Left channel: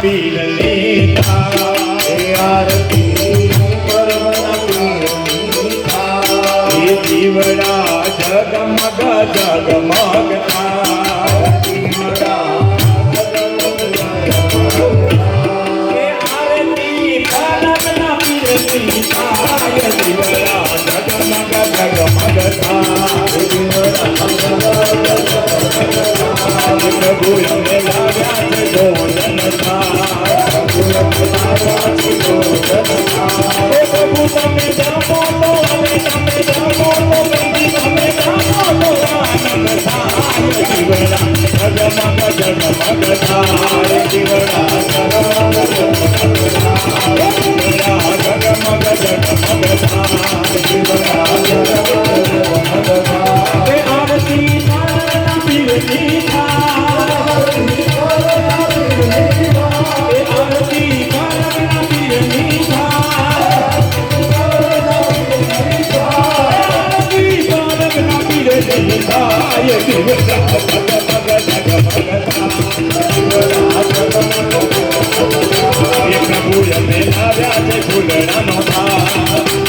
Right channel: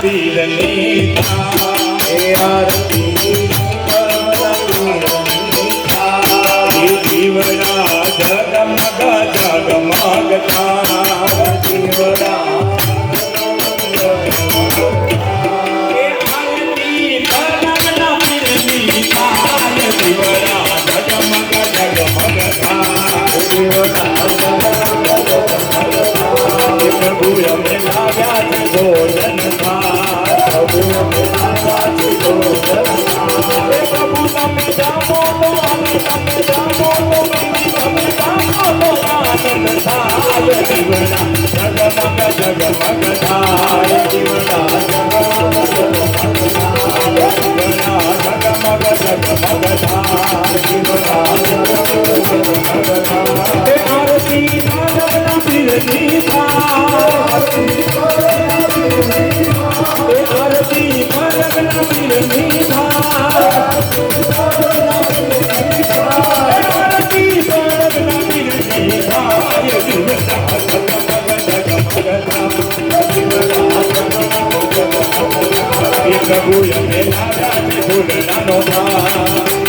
પીરની થાય આરતી એ દીવડા જગમગ જગમગ થાય દીવડા એ આરતી પરમના પીરની થાય દીવડા જગમગ જગમગ થાય પ્રભુ અમે લાવ્યા છે ભોજન પ્રભુ તમે જાઓ અમે તમે પ્રભુ અમે લાવ્યા છે ફૂલનો